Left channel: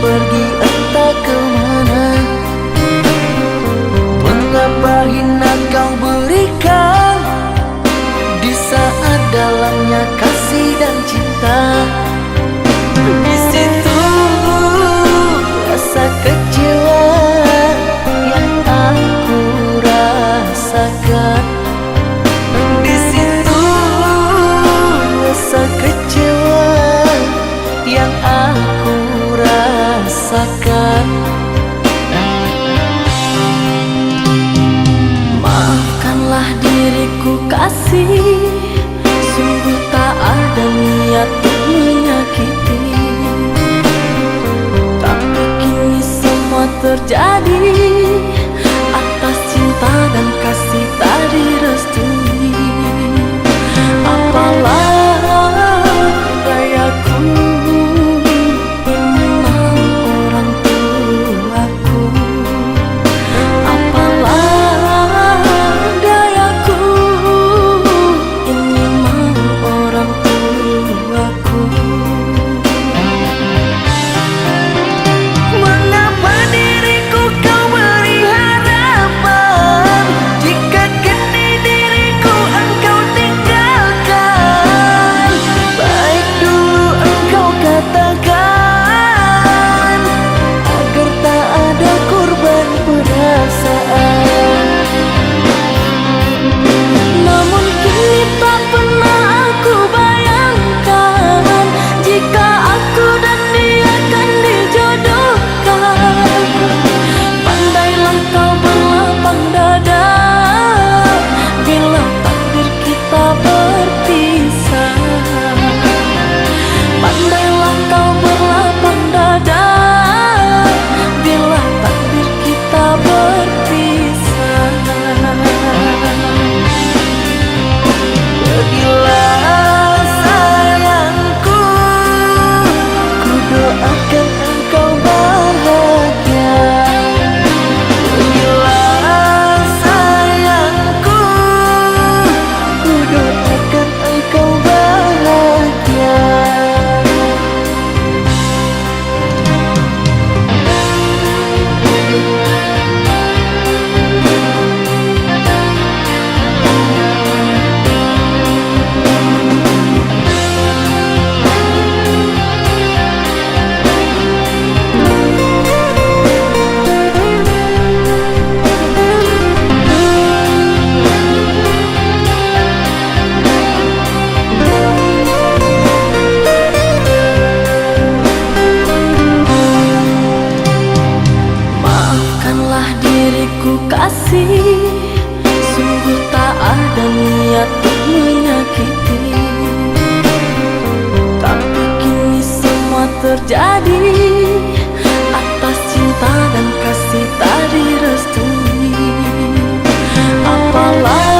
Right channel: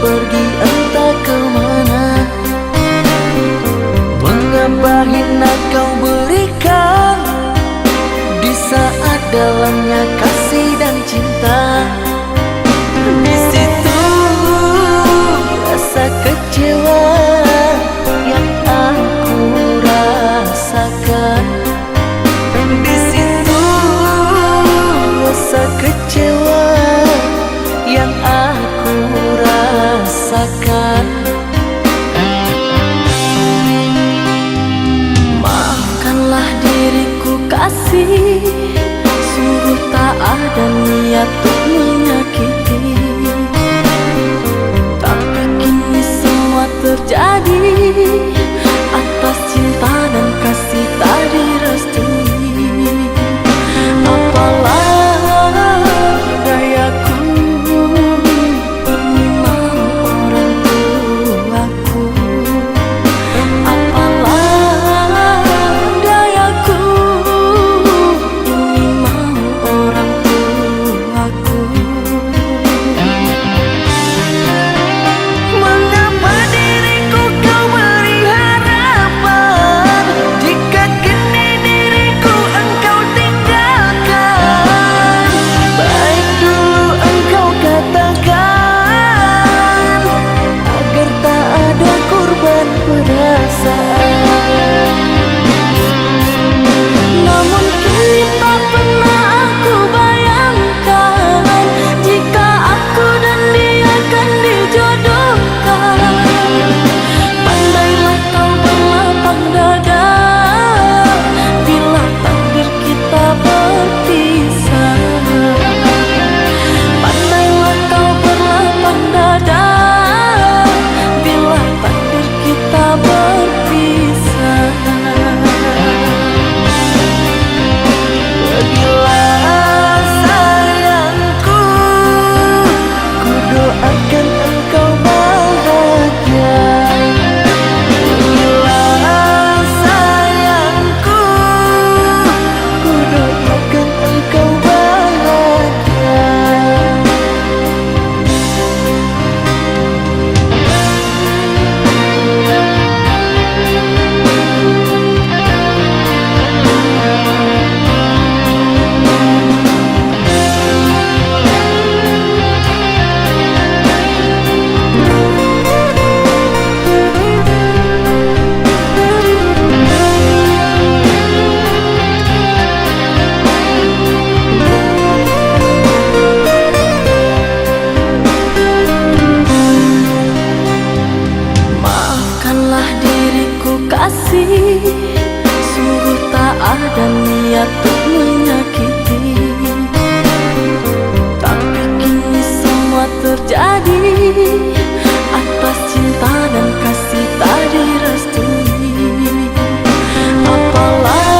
pergi entah kemana. Mengapa hina kau berikan di saat dalamnya kasih dan cinta. Di situ rasa kecewa yang aku rasakan. Di situ rasa kecewa yang aku rasakan. Maafkanlah diriku kasih, sungguh tak ada niat untuk menyakiti. Tapi kini semua terjadi atas cinta dan kasih tak direstui. Apalah dayaku, ini mau orang tuaku. Apalah dayaku, ini mau orang tuaku. Mengapa diriku kau beri harapan, jika kini diriku engkau tinggalkan? Baik dulu engkau katakan, agar tak ada korban perasaan. Namun kini tak pernah aku bayangkan, jika aku dan dia akan dijodohkan. Pandailah kau berlapang dada bila takdir kita berpisah. Pandailah kau berlapang dada bila takdir kita berpisah. Pergilah sayangku, ku doakan engkau bahagia. Pergilah sayangku, ku doakan engkau bahagia. Maafkanlah diriku kasih, sungguh tak ada niat untuk menyakiti. Tapi kini semua terjadi atas cinta dan kasih tak direstui. Apalah